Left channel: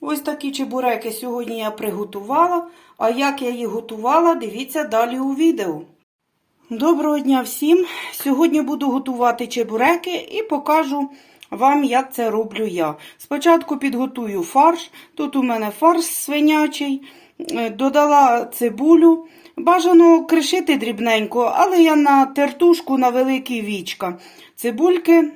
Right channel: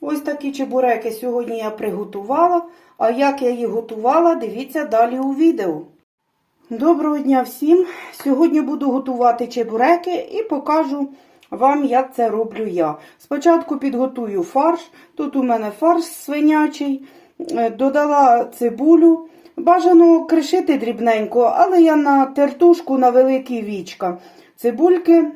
Ось такі чебуреки сьогодні я приготувала. А як я їх готувала, дивіться далі у відео. Доброго дня всім! Сьогодні буду готувати чебуреки і покажу вам, як це роблю я. Спочатку підготую фарш. Тут у мене фарш свинячий, Е, додала цибулю. Бажано кришити дрібненько, але я на тертушку на великі вічка. Цибульки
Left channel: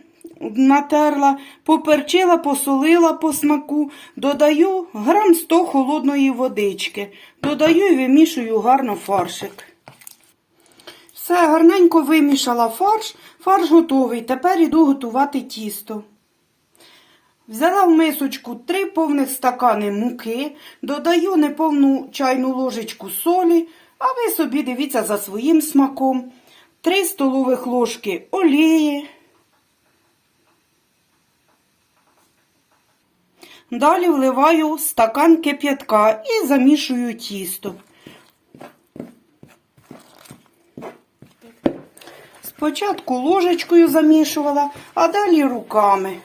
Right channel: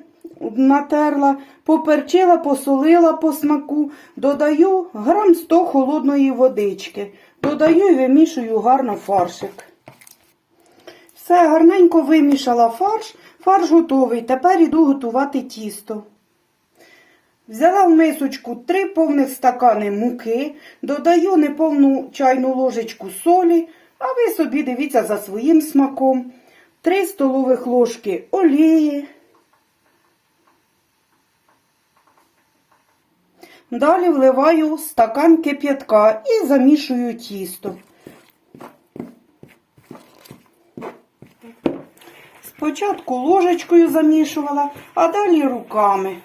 натерла, поперчила, посолила по смаку, додаю грам 100 холодної водички. Додаю і вимішую гарно фаршик. Все, гарненько вимішала фарш, фарш готовий. Тепер іду готувати тісто. Взяла в мисочку 3 повних стакани муки, додаю неповну чайну ложечку солі, а ви собі дивіться за своїм смаком. 3 столових ложки олії. Далі вливаю стакан кип'ятка і замішую тісто. Спочатку ложечкою замішувала, а далі руками.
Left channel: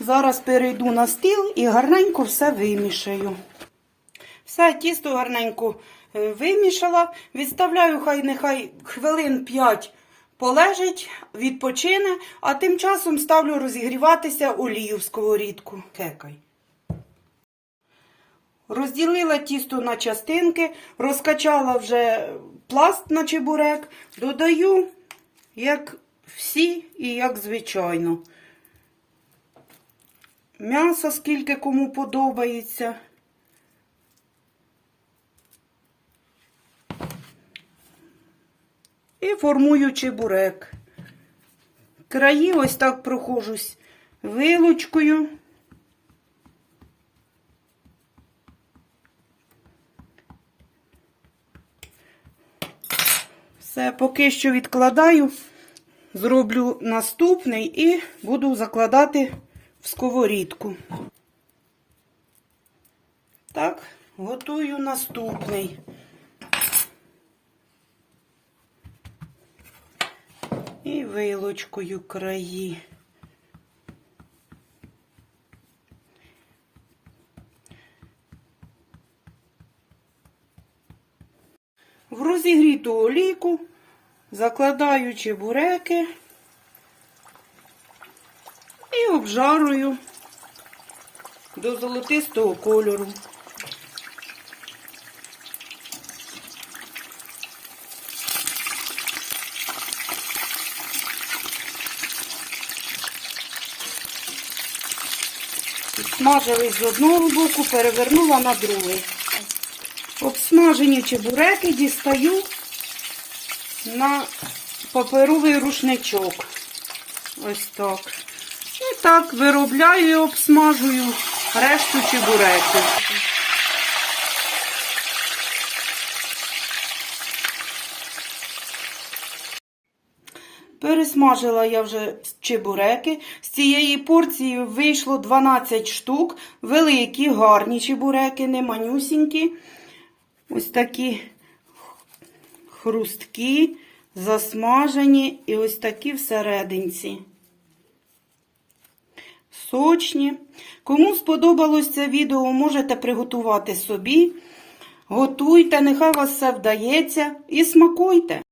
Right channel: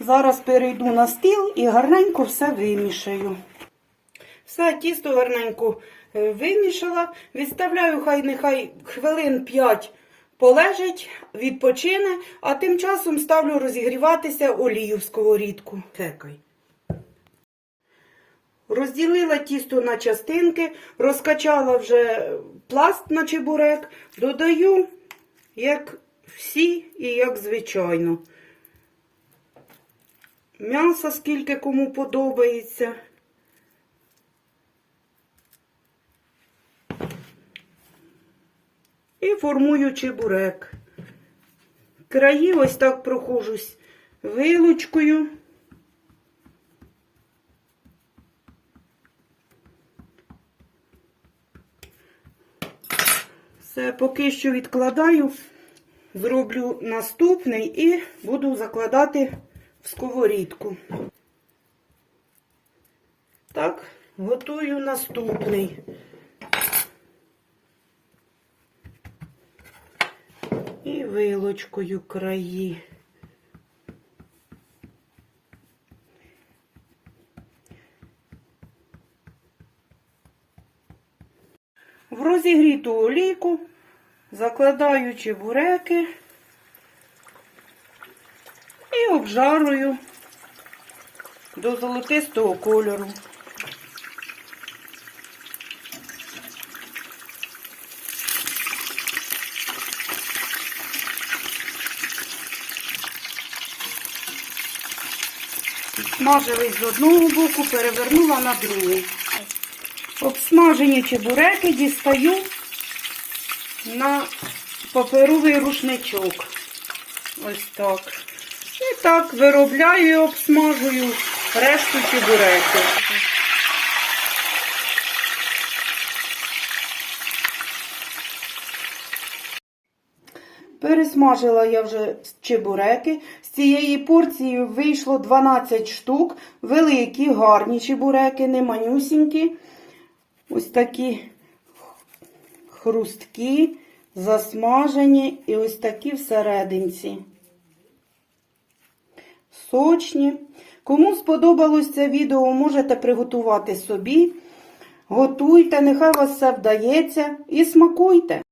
Зараз перейду на стіл і гарненько все вимішаю. Все, тісто гарненько е, вимішала. Відставляю, хай нехай хвилин 5 полежить, відпочине, а тим часом ставлю розігріватися олію в сковорідку. Кекай. Розділила тісто на частинки, розкачала вже пласт на чебурек, додаю, як всі і як звичайно. М'ясо, скільки кому подобається. І формую чебурек. Краї ось так прохожусь вилочкою. Все, поки що відкладаю, зроблю наступний і буду закладати в сковорідку. Так, готую наступний. І вилочкою краї. В розігріту олійку закладаю чебуреки і обжарую до золотистого кольору. Смажились з одного боку, перевернула на другий. Обсмажені чебуреки дістаю на паперовий рушничок. Ось так. І так виробляю і обсмажую решту чебуреки. Пересмажила я вже чебуреки. З цієї порції вийшло 12 штук. Великі, гарні чебуреки, не манюсінькі. Ось такі хрусткі, засмажені і ось такі всерединці. Сочні. Кому сподобалось це відео, можете приготувати собі. Готуйте, нехай вас все вдається і смакуйте.